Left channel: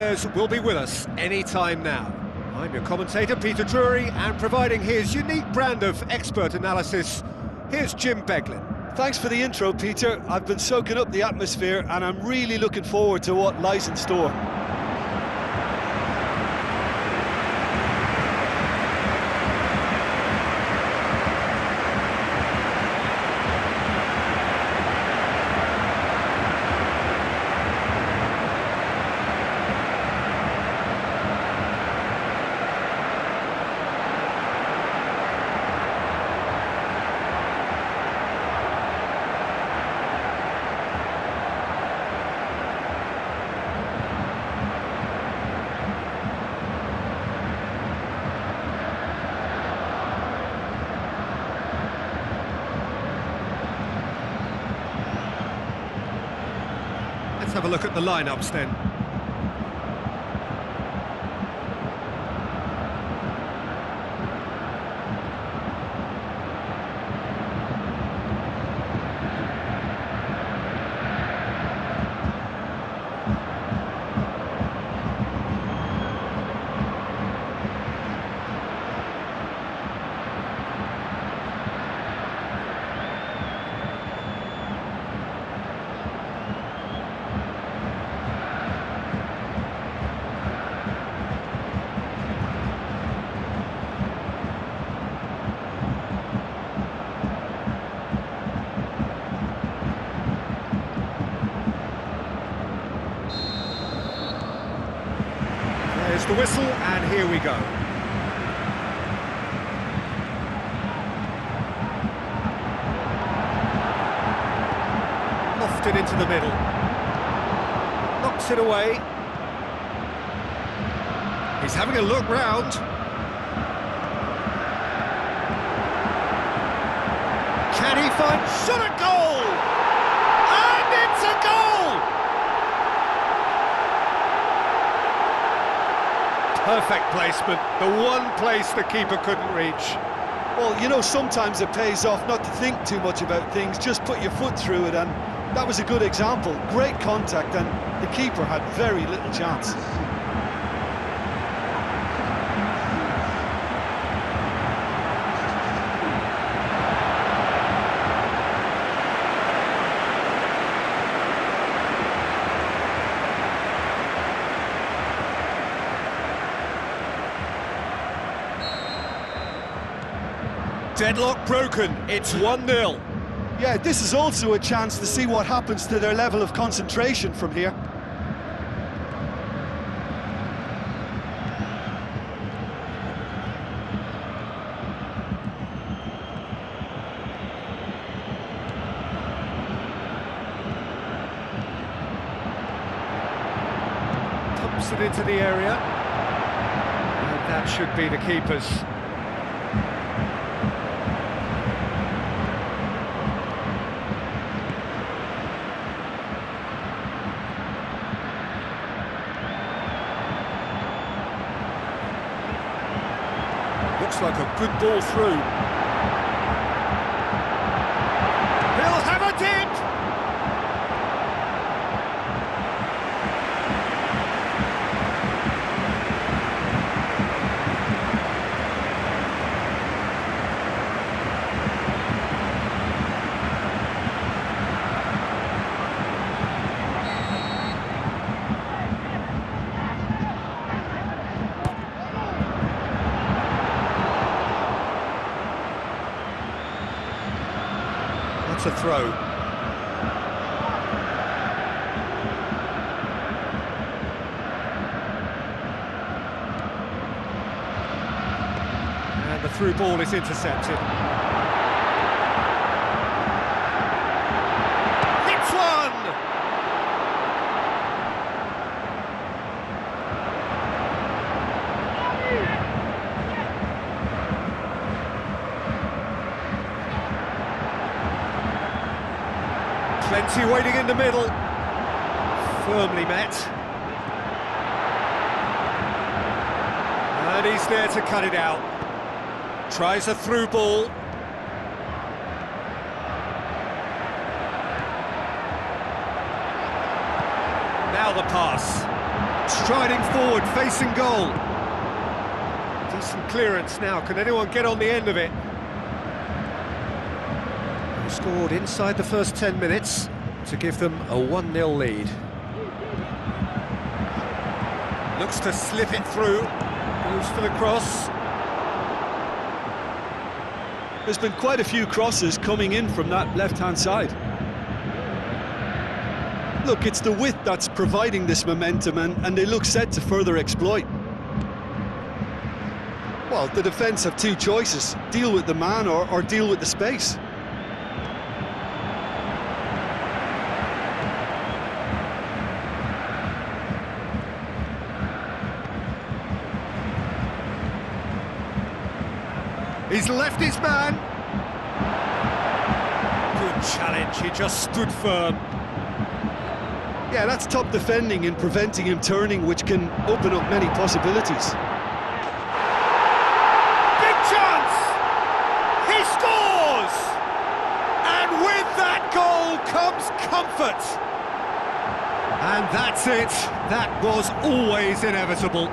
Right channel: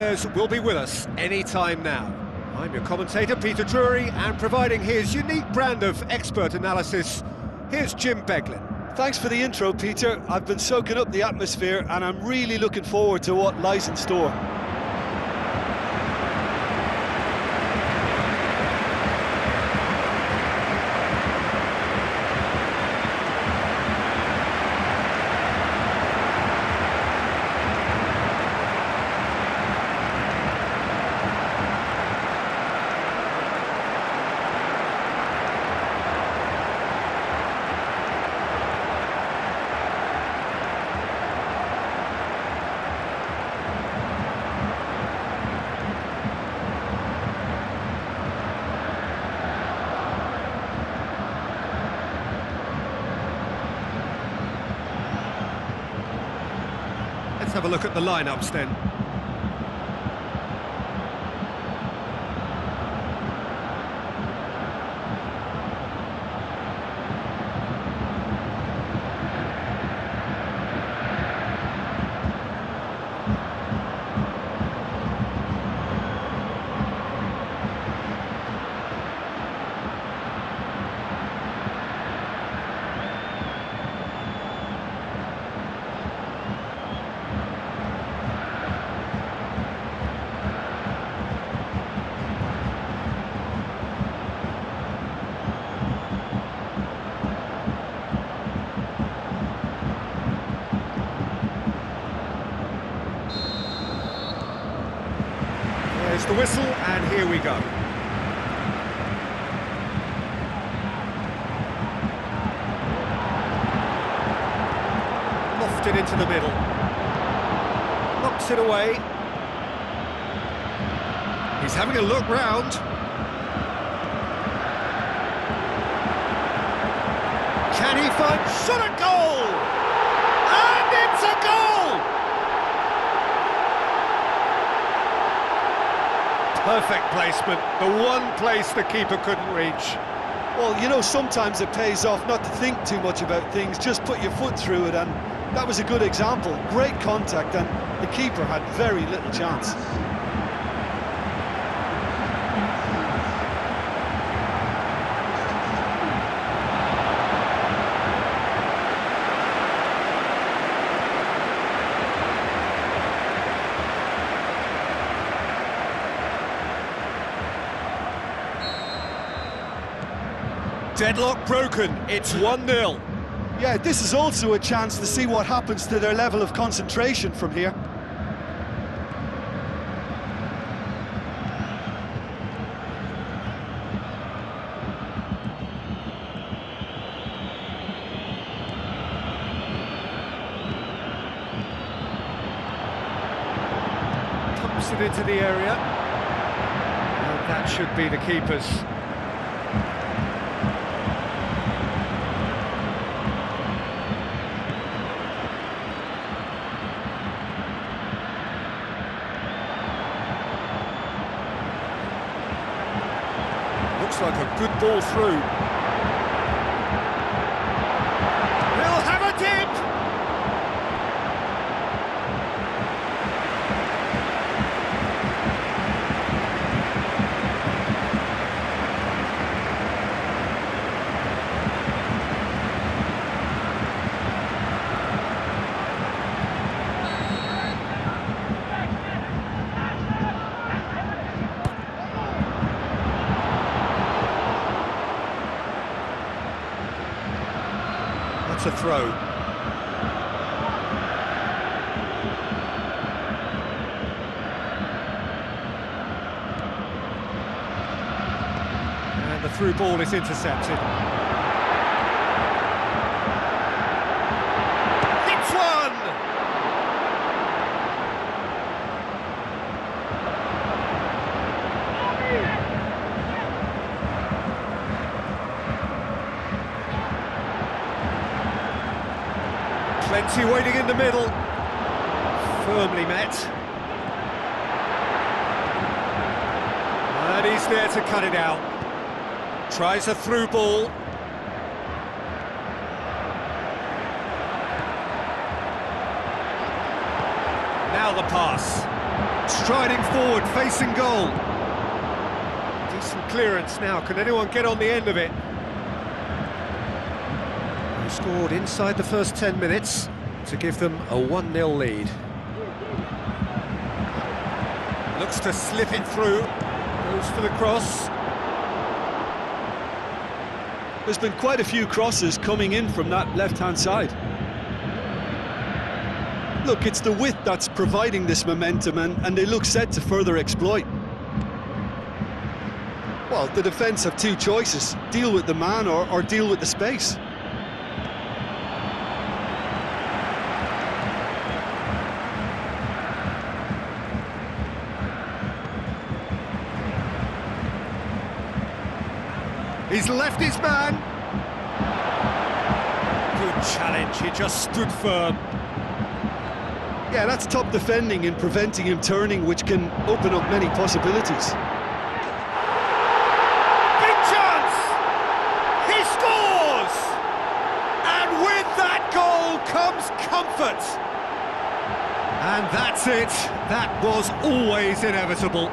Will be with us any time now. I'm your commentator, Peter Drury, and providing his unique brand of expert analysis, here's Jim Beglin. Thanks for the intro, Peter. I've been soaking up the atmosphere and I'm really looking forward to what lies in store. Let's have a look at the lineups then. There's the whistle, and here we go. Lofted into the middle. Knocks it away. He's having a look round. Can he find... shot a goal! And it's a goal! Perfect placement, the one place the keeper couldn't reach. Well, you know, sometimes it pays off not to think too much about things, just put your foot through it, and that was a good example. Great contact, and the keeper had very little chance. Deadlock broken, it's 1-0. Yeah, this is also a chance to see what happens to their level of concentration from here. Pumps it into the area. And that should be the keeper's. Looks like a good ball through. He'll have a dip! That's a throw. And the through ball is intercepted. Hits one! Plenty waiting in the middle. Firmly met. And he's there to cut it out. Tries a through ball. Now the pass. Striding forward, facing goal. Decent clearance now. Can anyone get on the end of it? They scored inside the first 10 minutes to give them a 1-0 lead. Looks to slip it through. Goes for the cross. There's been quite a few crosses coming in from that left-hand side. Look, it's the width that's providing this momentum, and they look set to further exploit. Well, the defence have two choices: deal with the man or deal with the space. He's left his man. Good challenge, he just stood firm. Yeah, that's top defending and preventing him turning, which can open up many possibilities. Big chance! He scores! And with that goal comes comfort. And that's it. That was always inevitable.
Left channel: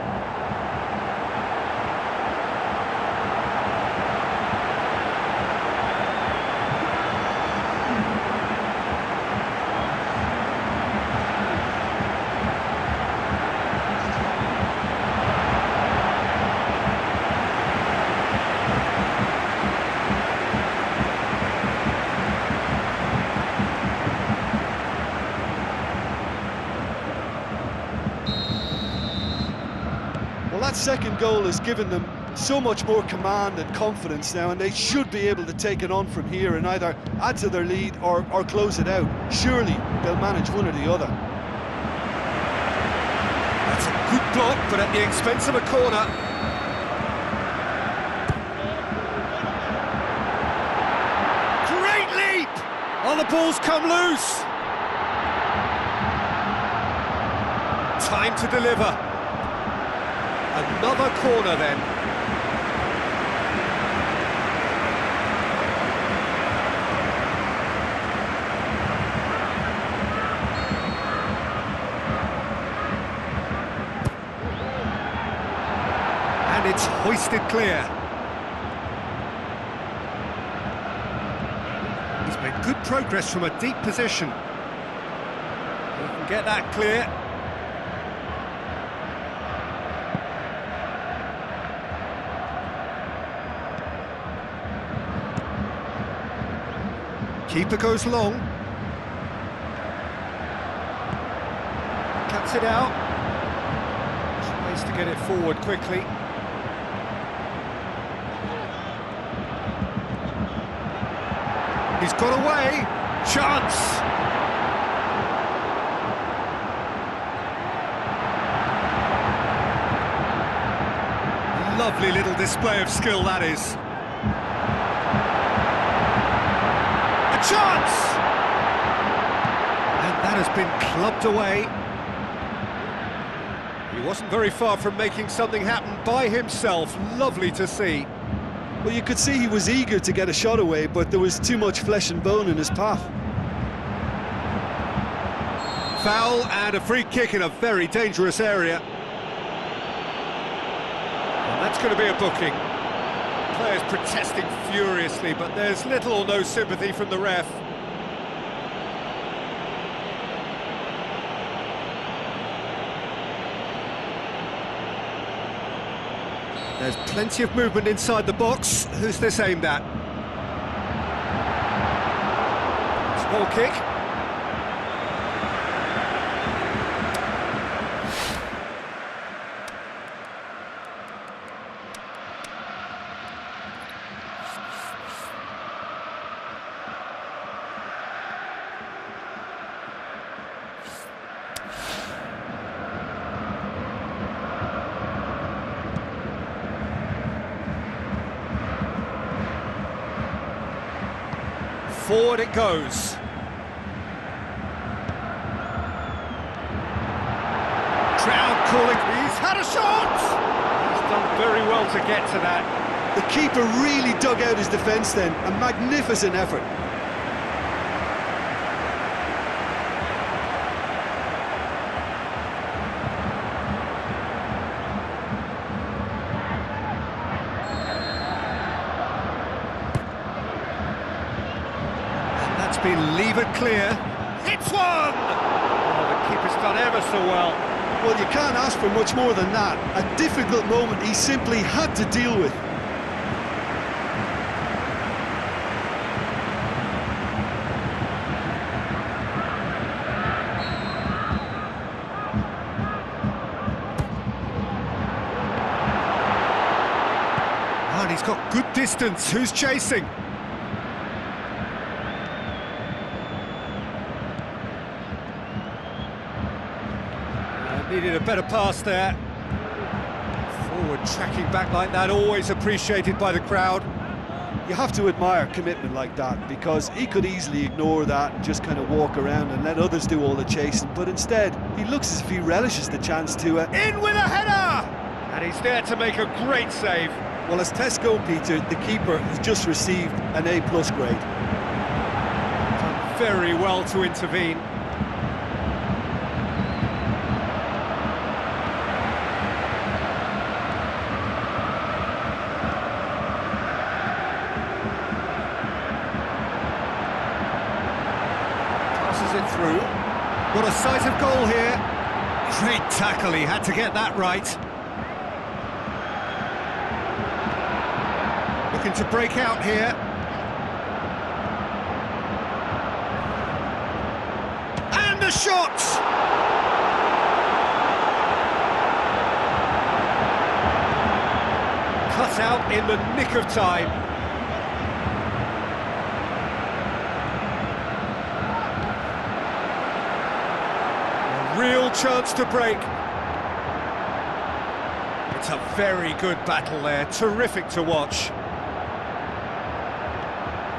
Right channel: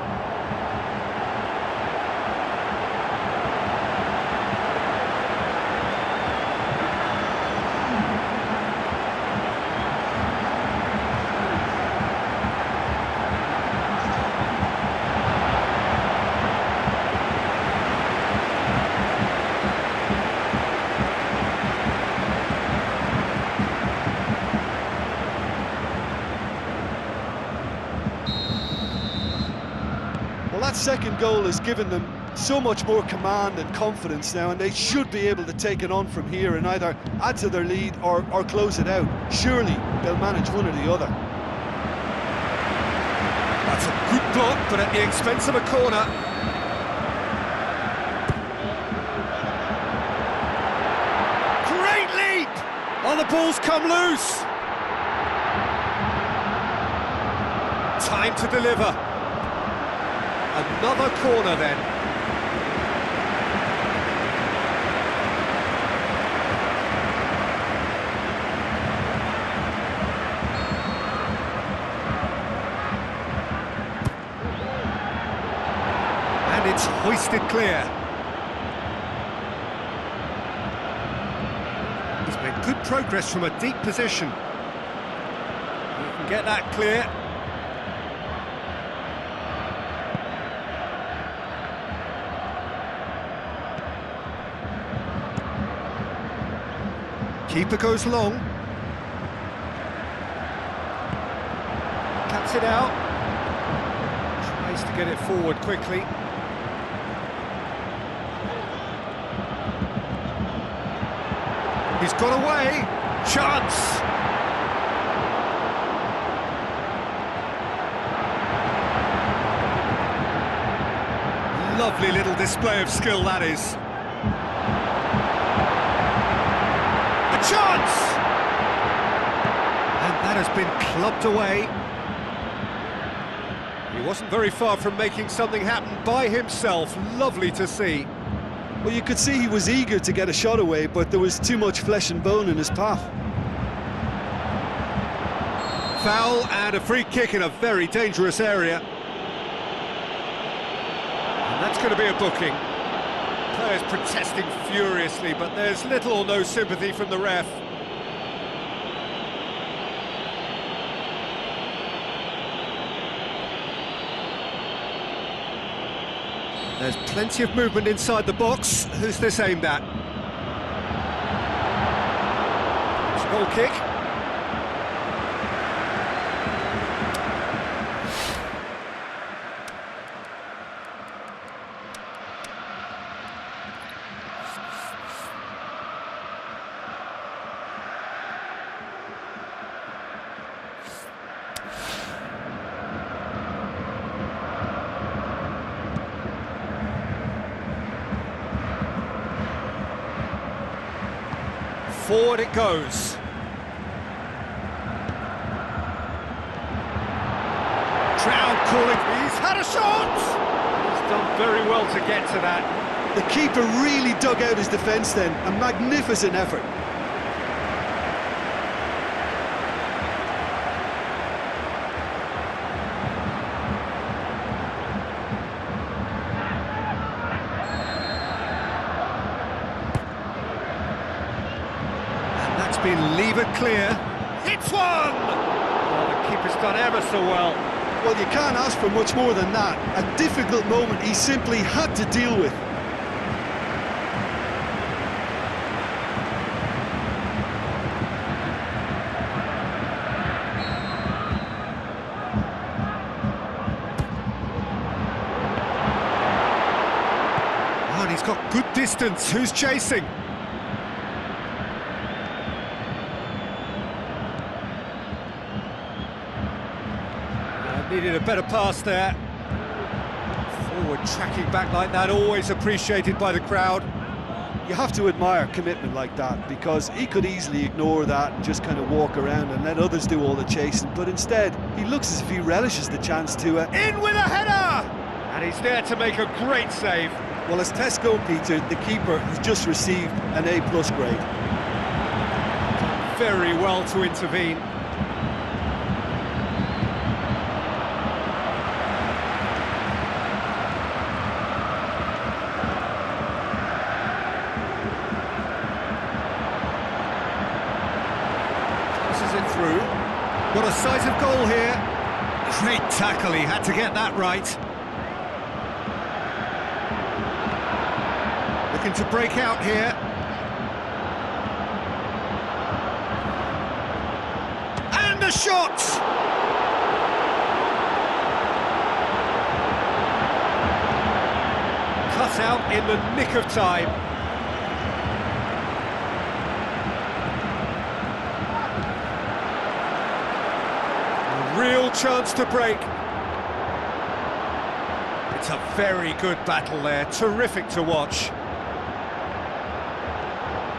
Well, that second goal has given them so much more command and confidence now, and they should be able to take it on from here and either add to their lead or close it out. Surely they'll manage one or the other. That's a good block, but at the expense of a corner. Great leap! Oh, the ball's come loose. Time to deliver. Another corner then. And it's hoisted clear. He's made good progress from a deep position. He can get that clear. Keeper goes long. Cuts it out. Tries to get it forward quickly. He's got away. Chance! Lovely little display of skill, that is. Chance! And that has been clubbed away. He wasn't very far from making something happen by himself. Lovely to see. Well, you could see he was eager to get a shot away, but there was too much flesh and bone in his path. Foul and a free kick in a very dangerous area. And that's going to be a booking. Players protesting furiously, but there's little or no sympathy from the ref. There's plenty of movement inside the box. Who's this aimed at? It's a goal kick. Forward it goes. Crowd calling. He's had a shot! He's done very well to get to that. The keeper really dug out his defence then. A magnificent effort. been levered clear. Hits one! Oh, the keeper's done ever so well. Well, you can't ask for much more than that. A difficult moment he simply had to deal with. And he's got good distance. Who's chasing? Needed a better pass there. Forward tracking back like that, always appreciated by the crowd. You have to admire commitment like that, because he could easily ignore that and just kind of walk around and let others do all the chasing, but instead he looks as if he relishes the chance to in with a header! And he's there to make a great save. Well, as tests go, Peter, the keeper has just received an A+ grade. Done very well to intervene. Passes it through. Got a sight of goal here. Great tackle, he had to get that right. Looking to break out here. And a shot! Cut out in the nick of time. A real chance to break. It's a very good battle there, terrific to watch.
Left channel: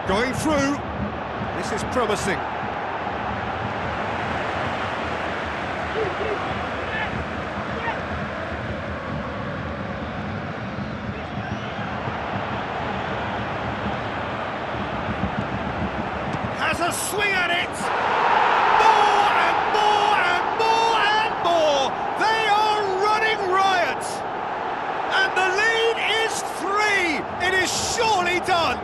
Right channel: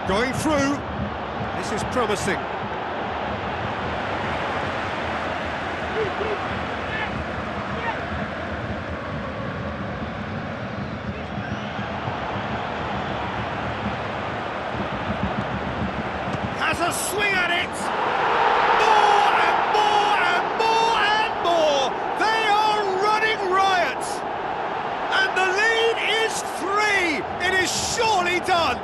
Going through, this is promising. Has a swing at it! More and more and more and more! They are running riot! And the lead is 3! It is surely done!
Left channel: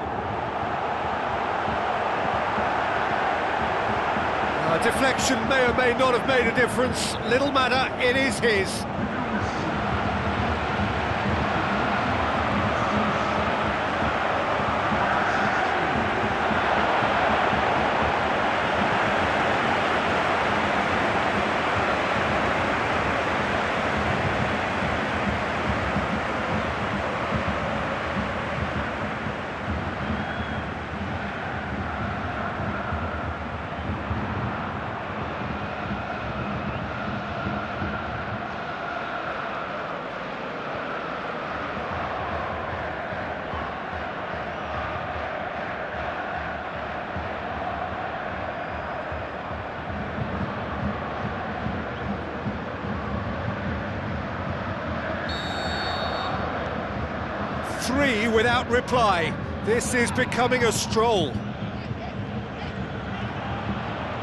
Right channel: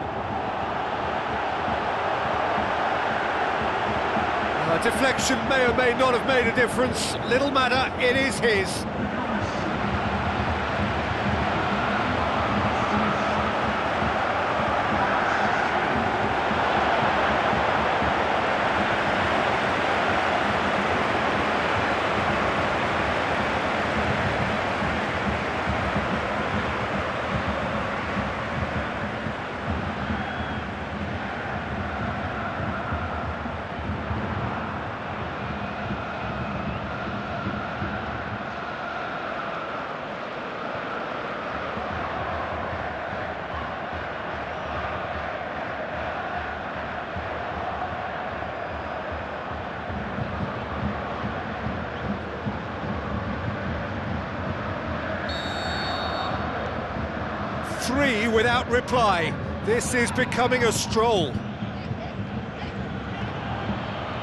A deflection may or may not have made a difference. Little matter, it is his. Three without reply. This is becoming a stroll.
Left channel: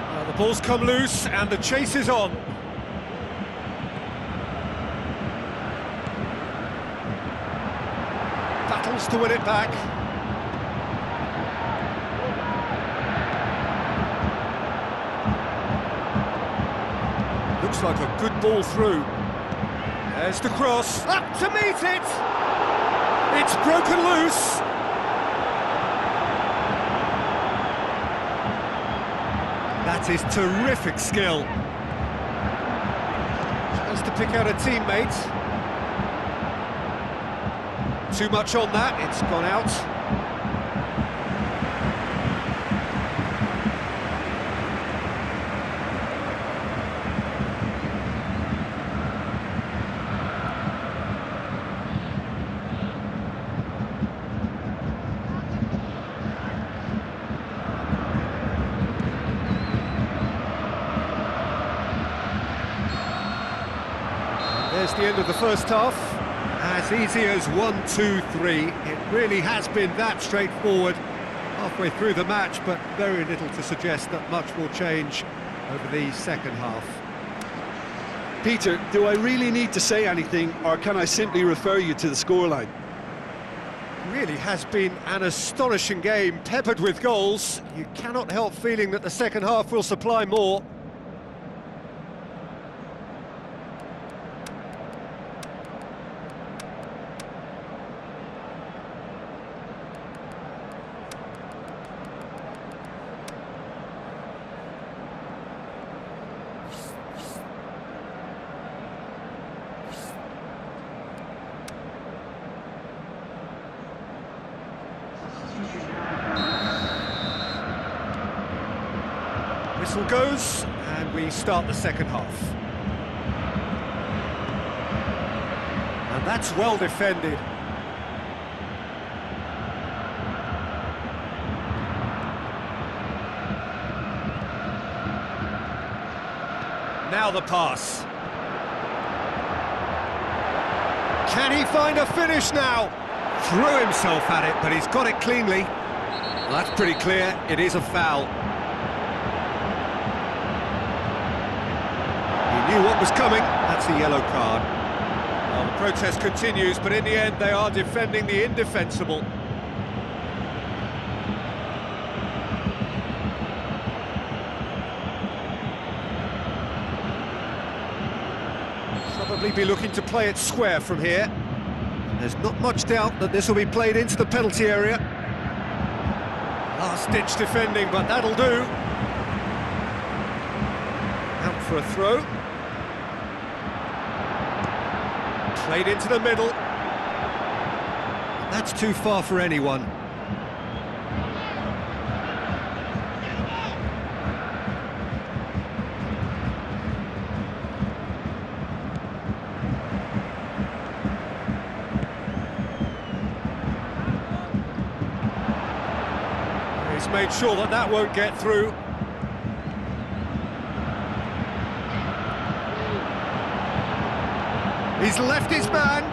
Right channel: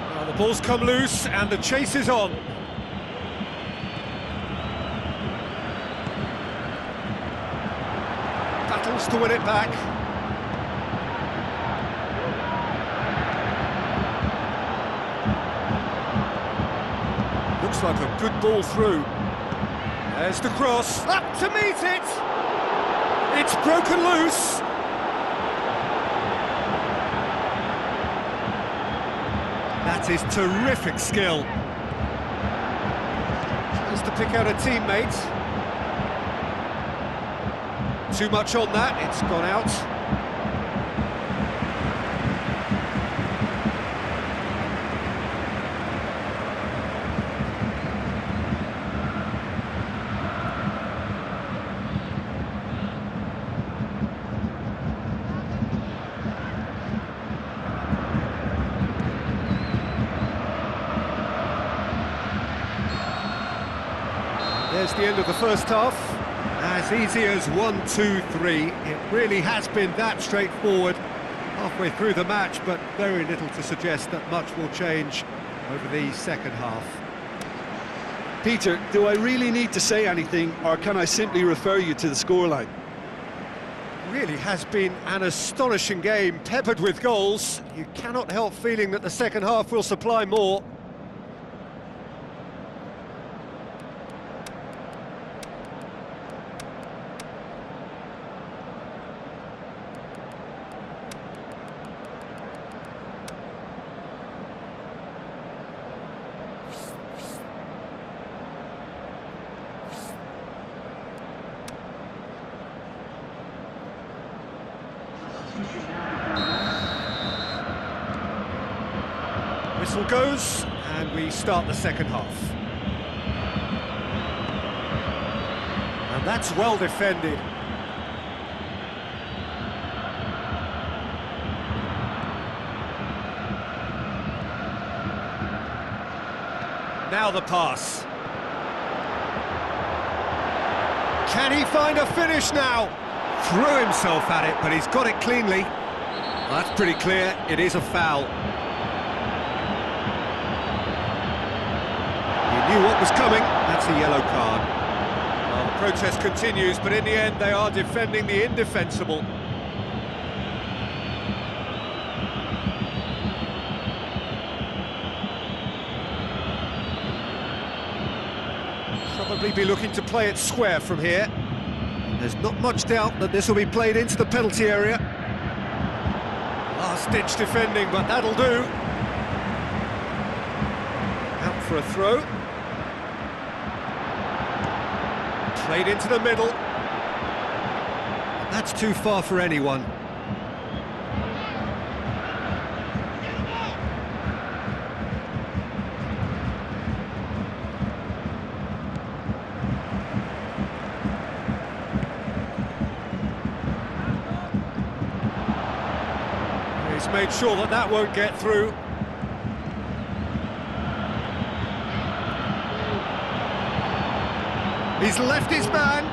Well, the ball's come loose and the chase is on. Battles to win it back. Looks like a good ball through. There's the cross. Up to meet it! It's broken loose. That is terrific skill. Has to pick out a teammate. Too much on that, it's gone out. There's the end of the first half. As easy as 1, 2, 3. It really has been that straightforward halfway through the match, but very little to suggest that much will change over the second half. Peter, do I really need to say anything, or can I simply refer you to the scoreline? Really has been an astonishing game, peppered with goals. You cannot help feeling that the second half will supply more. Whistle goes, and we start the second half. And that's well defended. Now the pass. Can he find a finish now? Threw himself at it, but he's got it cleanly. Well, that's pretty clear, it is a foul. He knew what was coming, that's a yellow card. Well, the protest continues, but in the end they are defending the indefensible. Probably be looking to play it square from here. There's not much doubt that this will be played into the penalty area. Last-ditch defending, but that'll do. Out for a throw. Played into the middle. That's too far for anyone. He's made sure that that won't get through. He's left his man.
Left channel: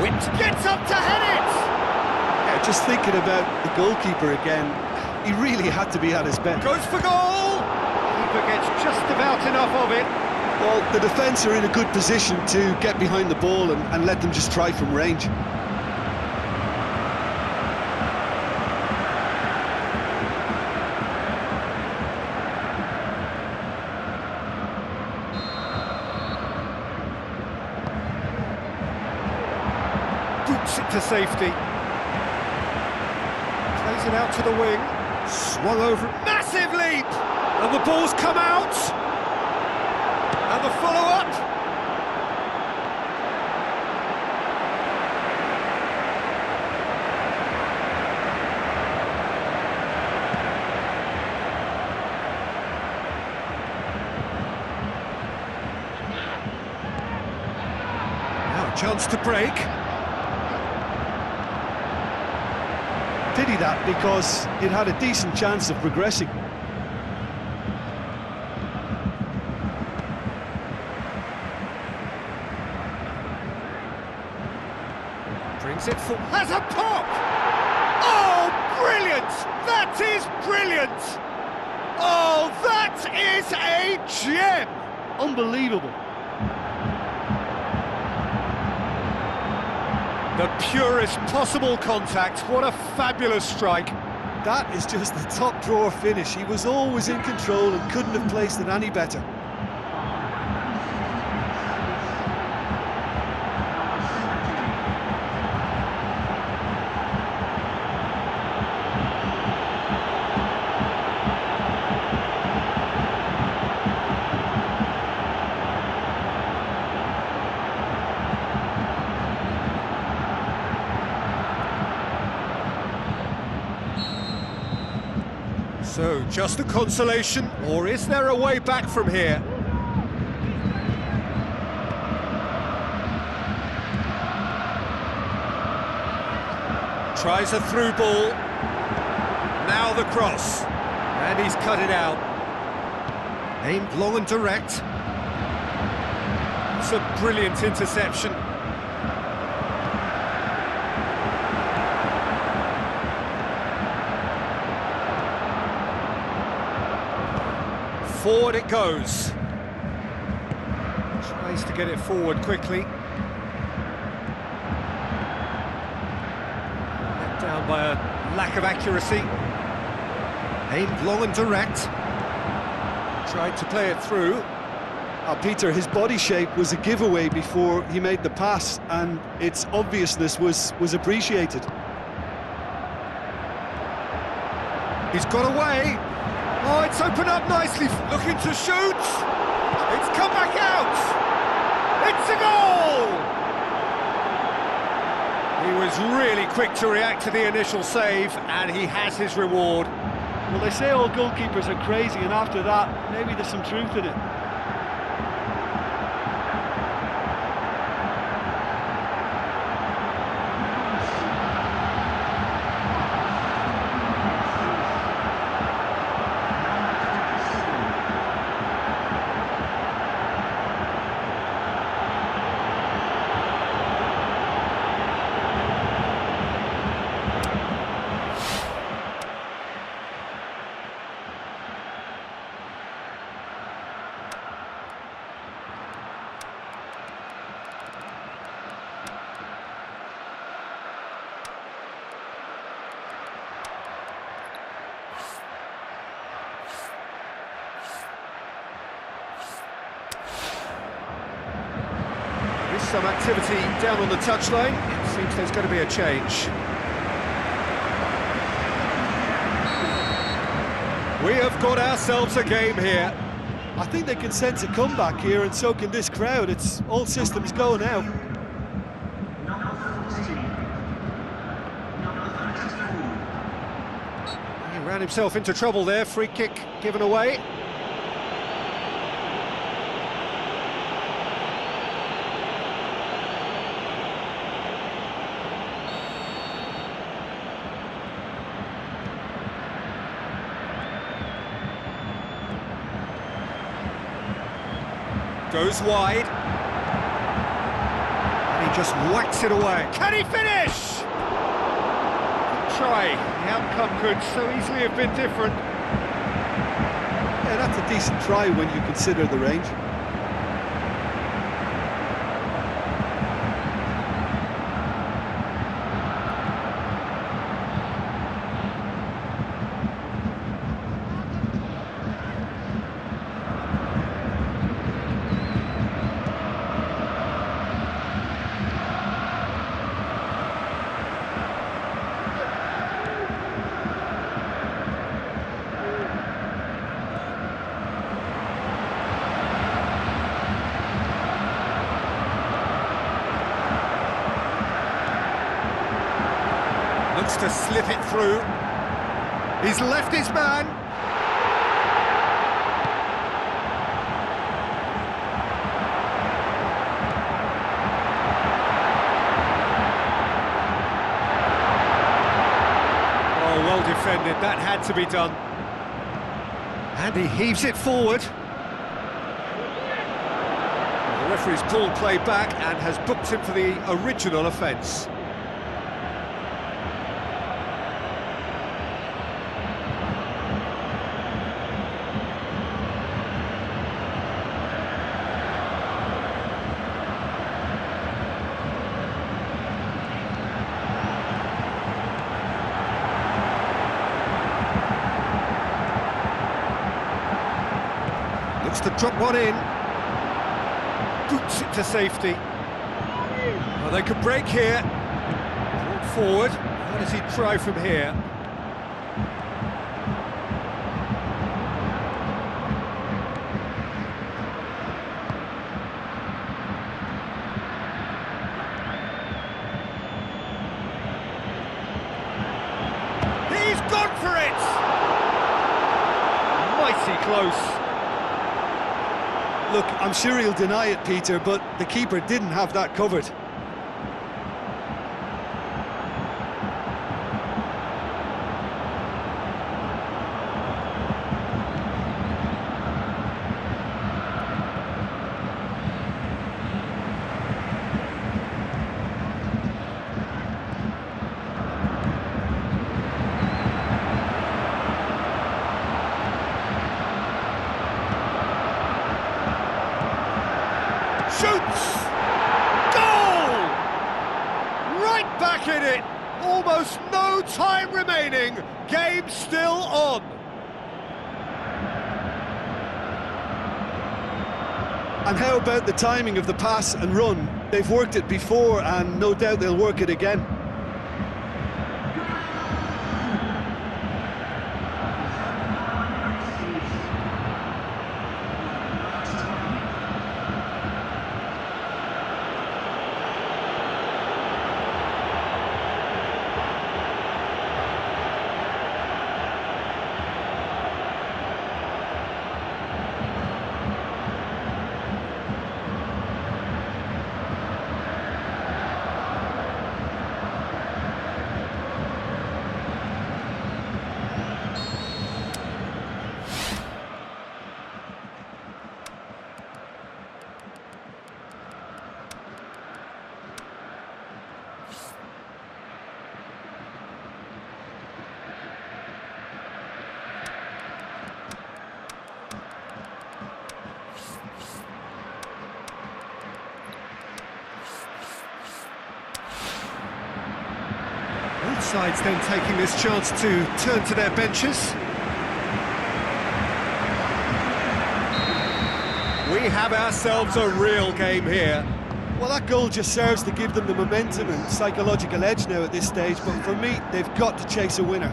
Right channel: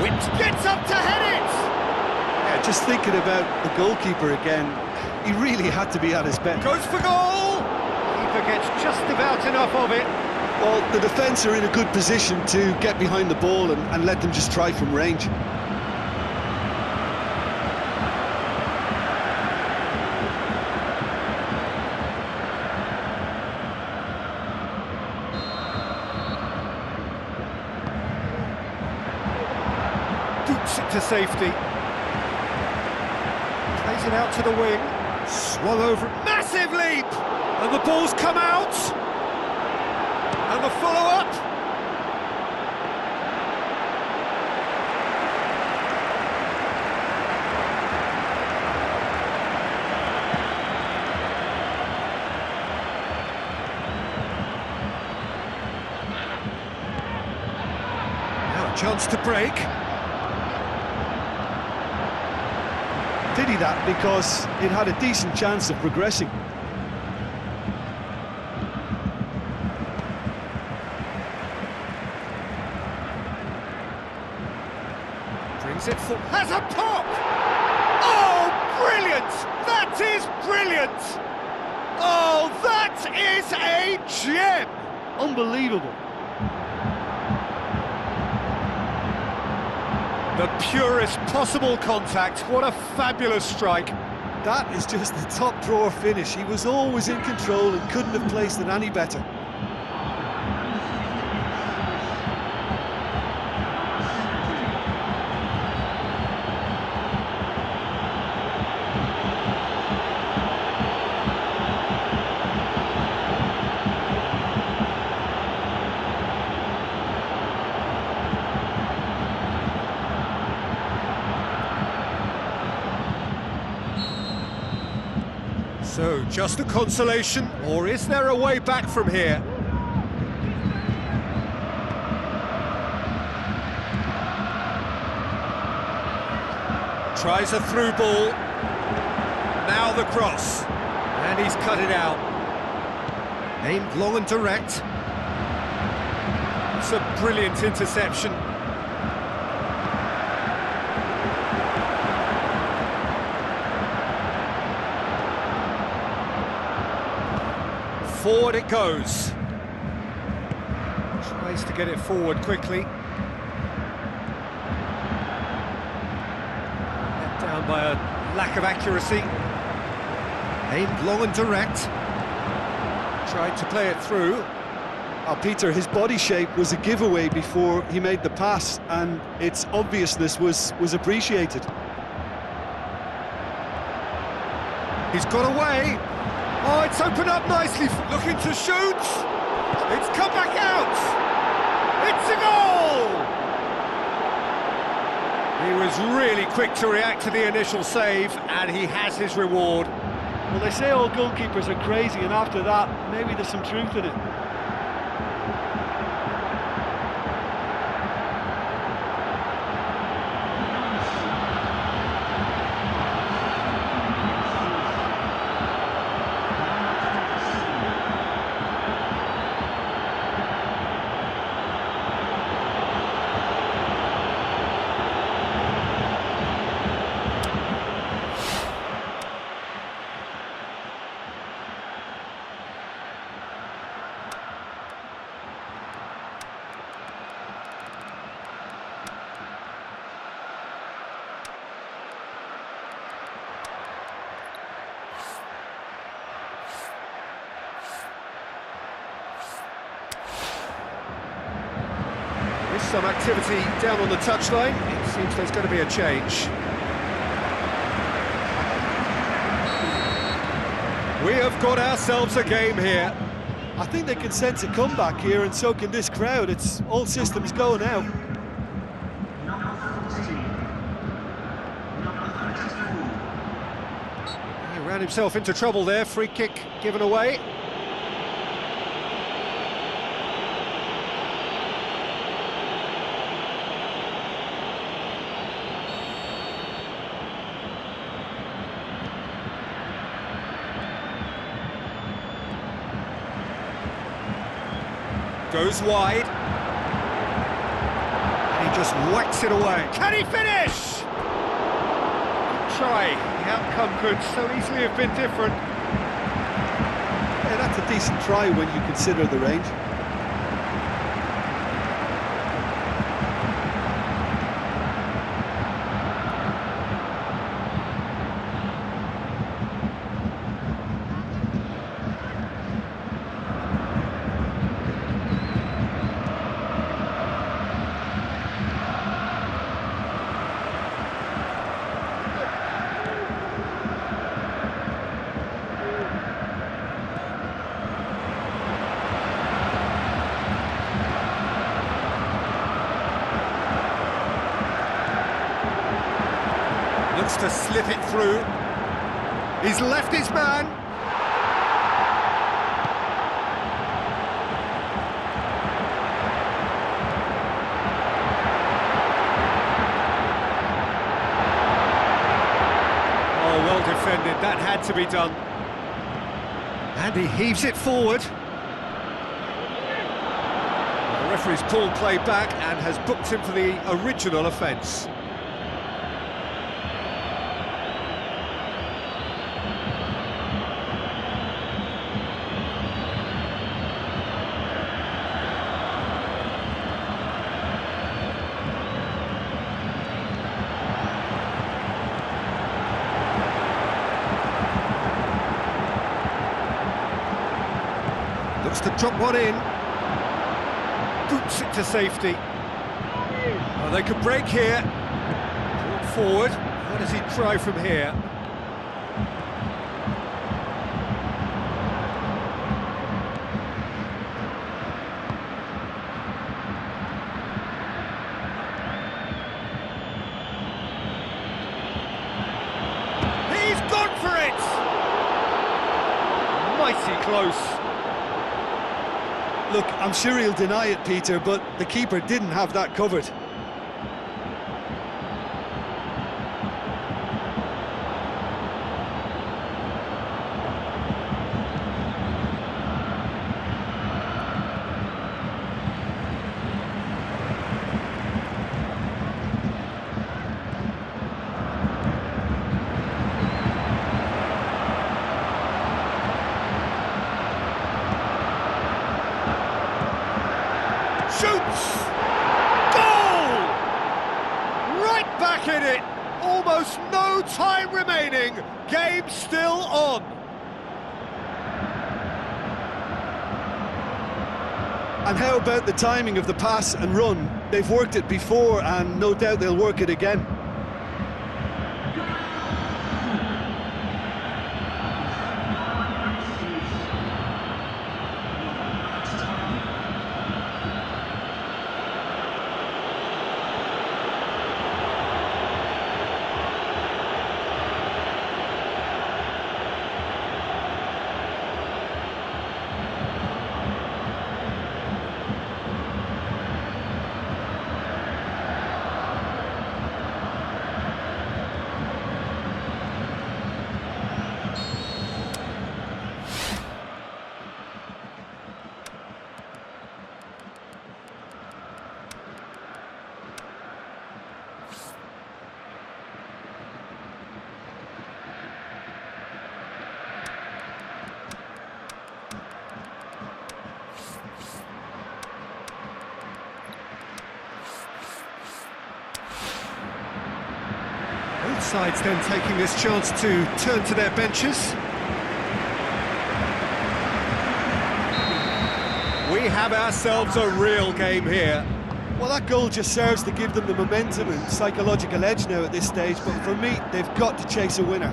Whipped, gets up to head it! Yeah, just thinking about the goalkeeper again, he really had to be at his best. Goes for goal! Keeper gets just about enough of it. Well, the defence are in a good position to get behind the ball and let them just try from range. Boots it to safety. Plays it out to the wing. Swung over. Massive leap! And the ball's come out. And the follow-up. Now a chance to break. Pity that, because it had a decent chance of progressing. Brings it full, has a pop! Oh, brilliant! That is brilliant! Oh, that is a gem! Unbelievable. The purest possible contact, what a fabulous strike. That is just the top drawer finish. He was always in control and couldn't have placed it any better. So, just a consolation, or is there a way back from here? Tries a through ball. Now the cross. And he's cut it out. Aimed long and direct. It's a brilliant interception. Forward it goes. Tries to get it forward quickly. Let down by a lack of accuracy. Aimed long and direct. Tried to play it through. Peter, his body shape was a giveaway before he made the pass, and its obviousness was appreciated. He's got away. Oh, it's opened up nicely. Looking to shoot. It's come back out. It's a goal. He was really quick to react to the initial save, and he has his reward. Well, they say all goalkeepers are crazy, and after that, maybe there's some truth in it. Some activity down on the touchline. It seems there's going to be a change. We have got ourselves a game here. I think they can sense a comeback here, and so can this crowd. It's all systems go now. He ran himself into trouble there. Free kick given away. Goes wide, and he just whacks it away. Can he finish? Good try. The outcome could so easily have been different. Yeah, that's a decent try when you consider the range. Looks to slip it through. He's left his man. Oh, well defended. That had to be done. And he heaves it forward. Well, the referee's pulled play back and has booked him for the original offence. Looks to drop one in. Boots it to safety. Oh, they could break here. Brought forward. How does he try from here? He's gone for it! Mighty close. Look, I'm sure he'll deny it, Peter, but the keeper didn't have that covered. Shoots! Goal! Right back in it! Almost no time remaining. Game still on. And how about the timing of the pass and run? They've worked it before and no doubt they'll work it again. Both sides then taking this chance to turn to their benches. We have ourselves a real game here. Well, that goal just serves to give them the momentum and psychological edge now at this stage, but for me, they've got to chase a winner.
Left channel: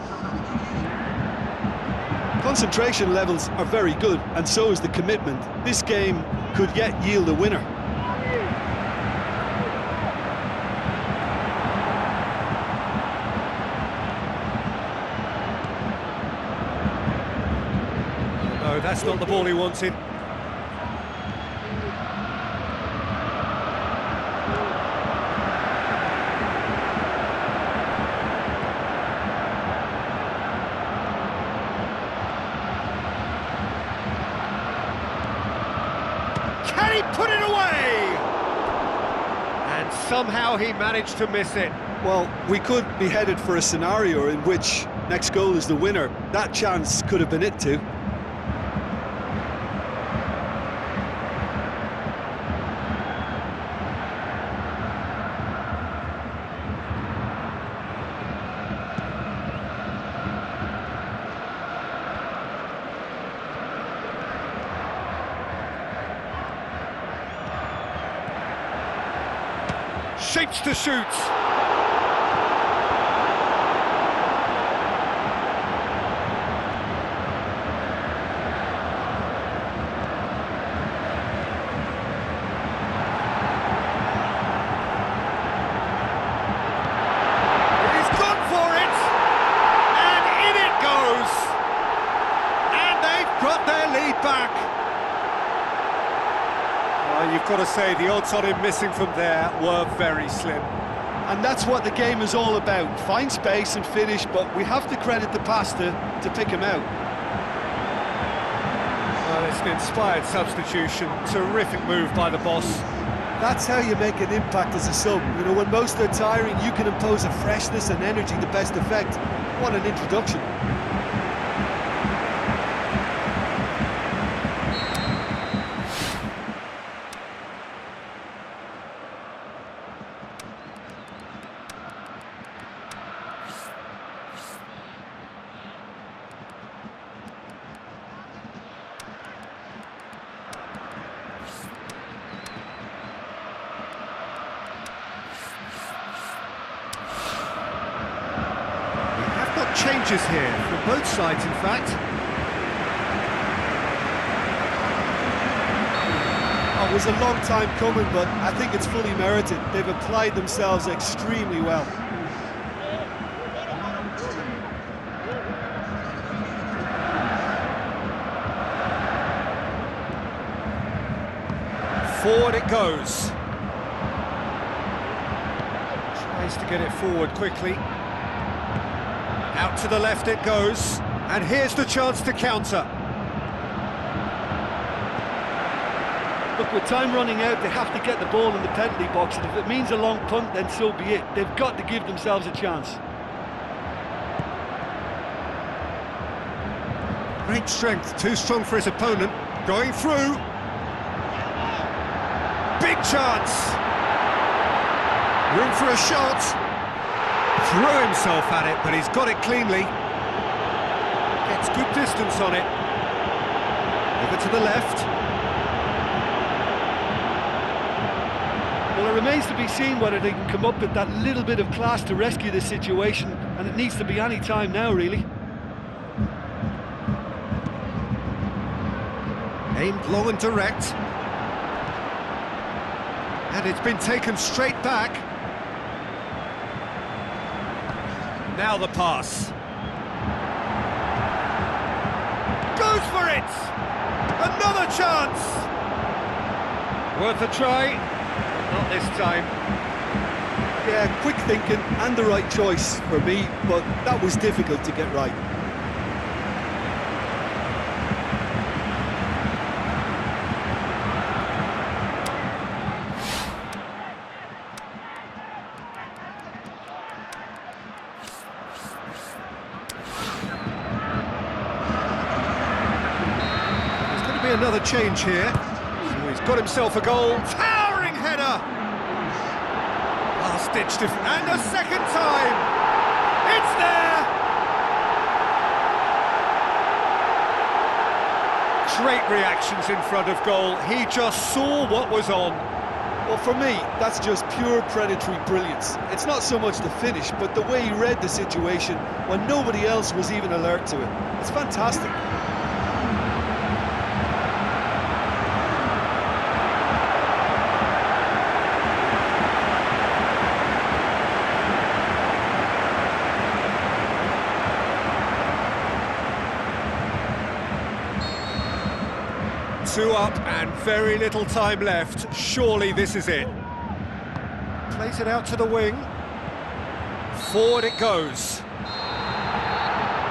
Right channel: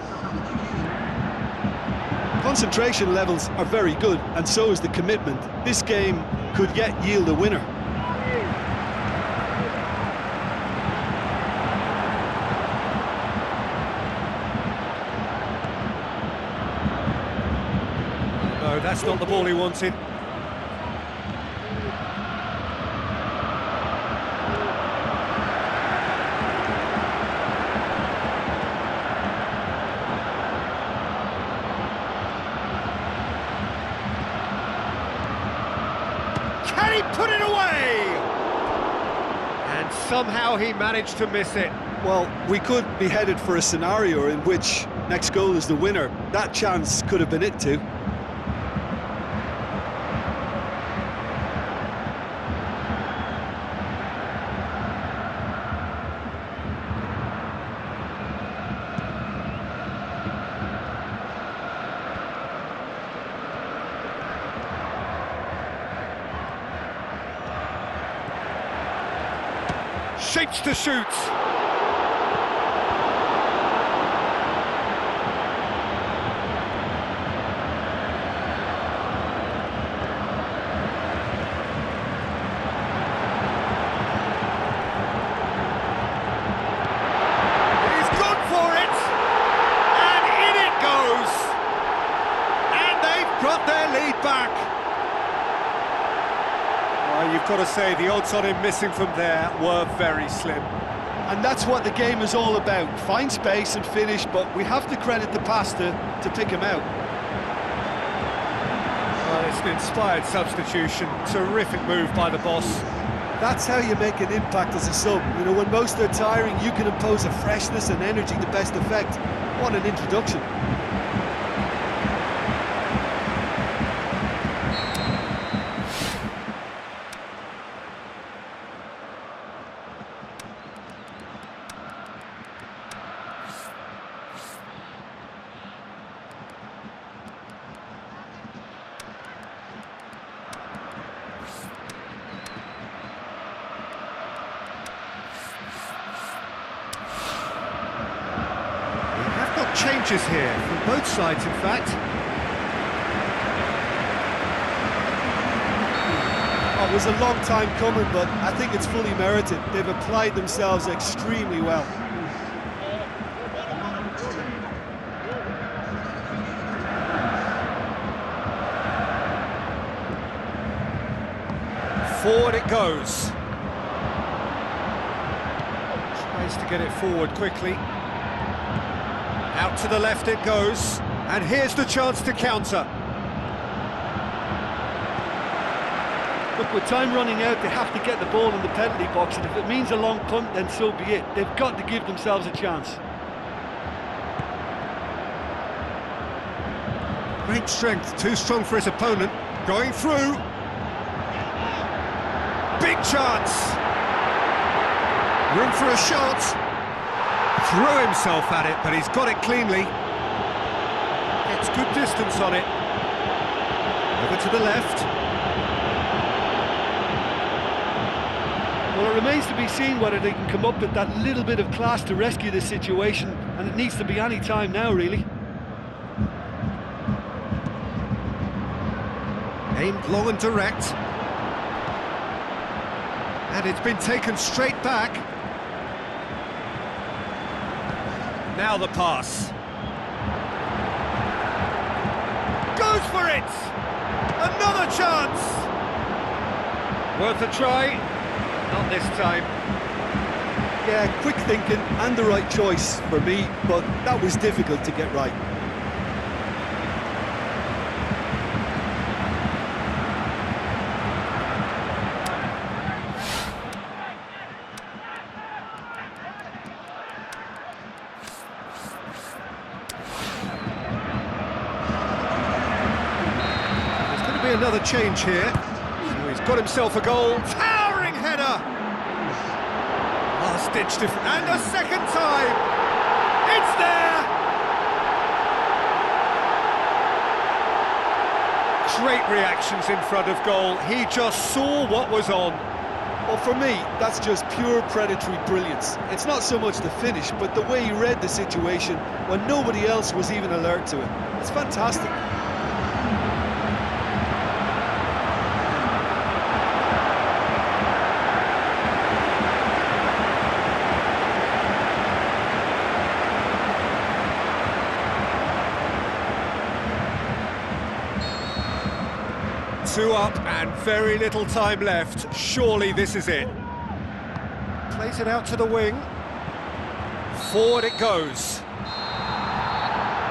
Concentration levels are very good, and so is the commitment. This game could yet yield a winner. No, that's not the ball he wanted. Can he put it away? And somehow he managed to miss it. Well, we could be headed for a scenario in which next goal is the winner. That chance could have been it too. Shapes to shoot. He's gone for it, and in it goes. And they've got their lead back. Well, you've got to say the odds on him missing from there were very slim. And that's what the game is all about. Find space and finish, but we have to credit the pass to pick him out. Well, it's an inspired substitution. Terrific move by the boss. That's how you make an impact as a sub. You know, when most are tiring, you can impose a freshness and energy to best effect. What an introduction. Changes here from both sides, in fact. Oh, it was a long time coming, but I think it's fully merited. They've applied themselves extremely well. Forward it goes. Tries to get it forward quickly. Out to the left it goes, and here's the chance to counter. Look, with time running out, they have to get the ball in the penalty box, and if it means a long punt, then so be it. They've got to give themselves a chance. Great strength, too strong for his opponent, going through. Big chance! Room for a shot. Threw himself at it, but he's got it cleanly. Gets good distance on it. Over to the left. Well, it remains to be seen whether they can come up with that little bit of class to rescue this situation, and it needs to be any time now, really. Aimed long and direct. And it's been taken straight back. Now the pass. Goes for it! Another chance! Worth a try, but not this time. Yeah, quick thinking and the right choice for me, but that was difficult to get right. Another change here. So he's got himself a goal. Towering header! Last-ditch defense. And a second time! It's there! Great reactions in front of goal. He just saw what was on. Well, for me, that's just pure predatory brilliance. It's not so much the finish, but the way he read the situation when nobody else was even alert to it. It's fantastic. 2 up and very little time left. Surely this is it. Plays it out to the wing. Forward it goes.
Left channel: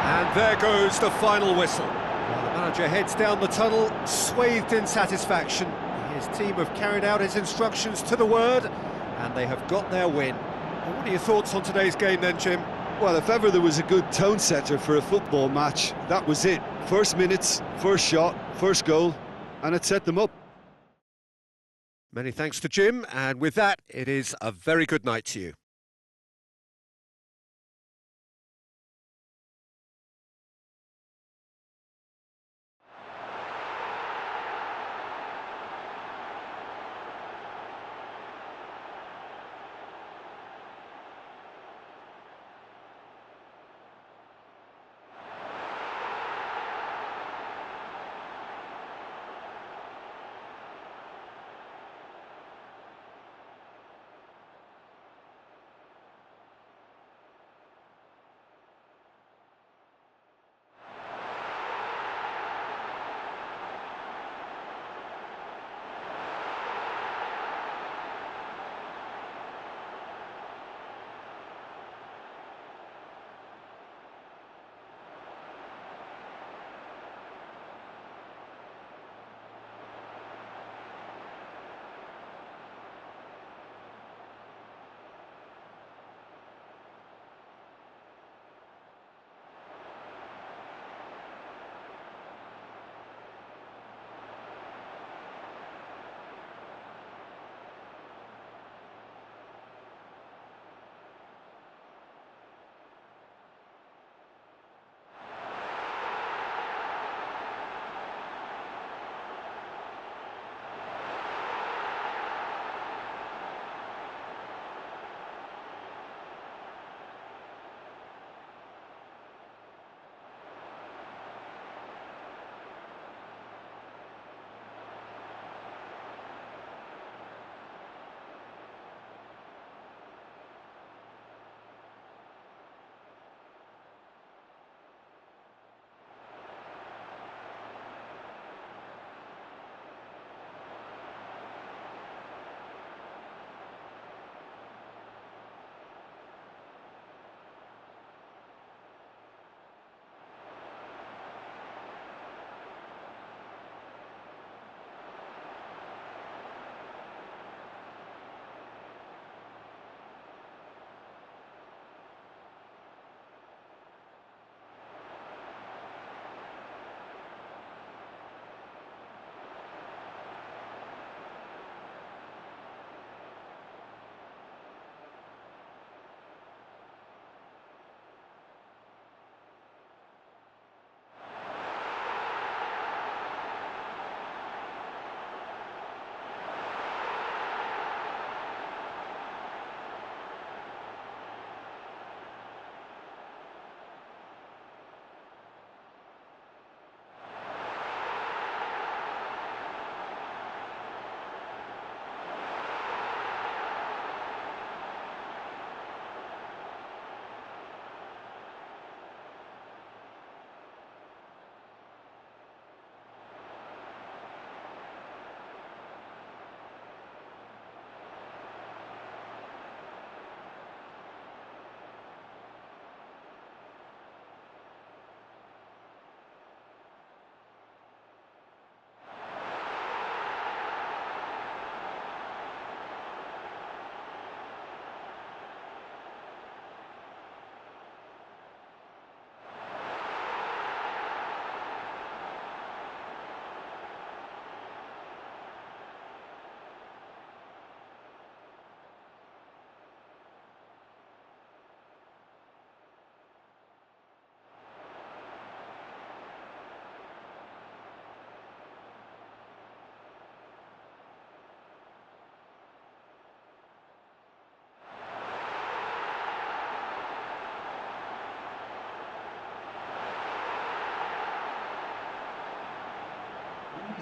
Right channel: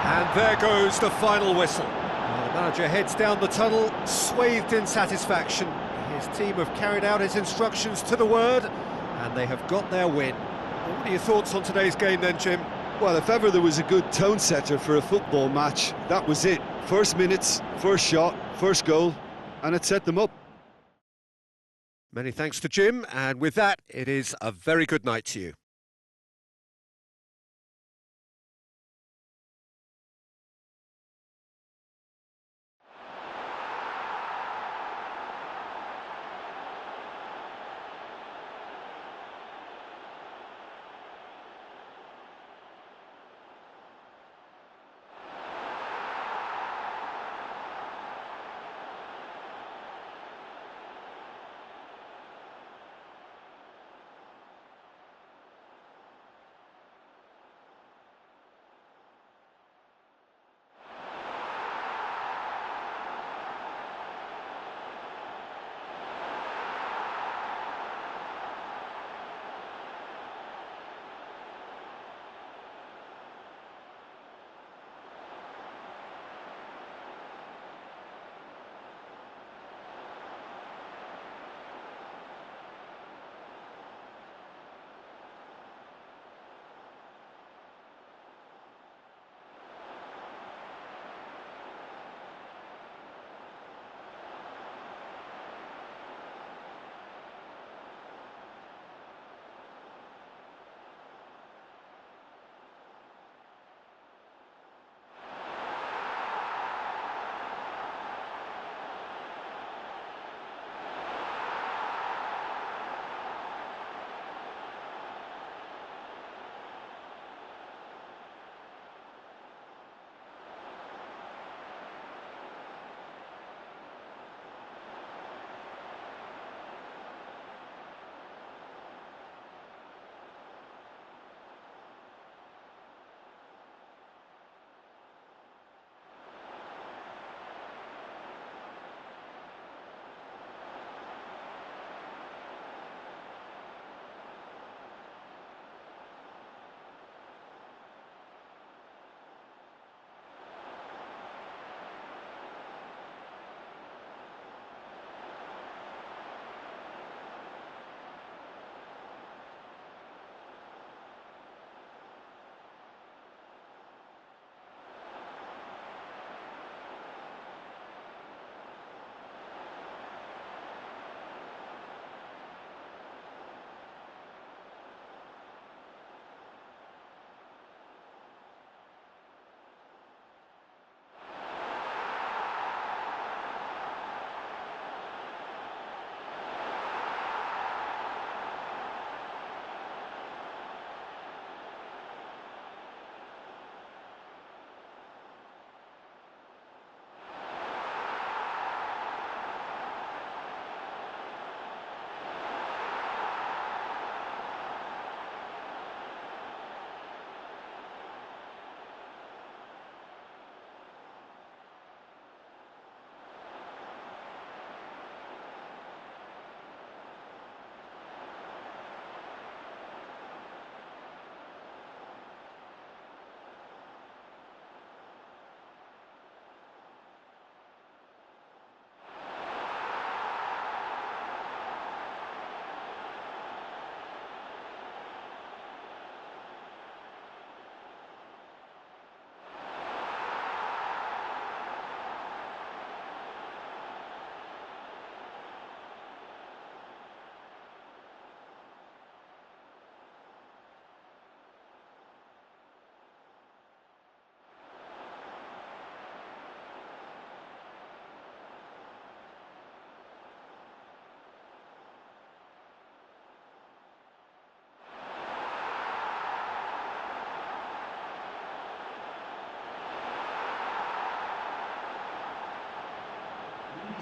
And there goes the final whistle. Well, the manager heads down the tunnel, swathed in satisfaction. His team have carried out his instructions to the word, and they have got their win. Well, what are your thoughts on today's game then, Jim? Well, if ever there was a good tone setter for a football match, that was it. First minutes, first shot, first goal, and it set them up. Many thanks to Jim, and with that, it is a very good night to you.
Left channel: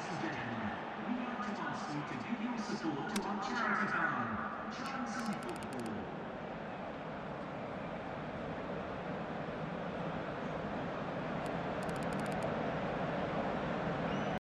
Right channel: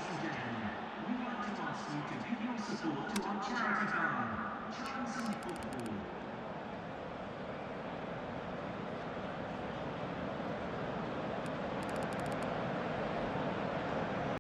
Ladies and gentlemen, we'd like to ask you to give your support to our charity fund, Charity Football.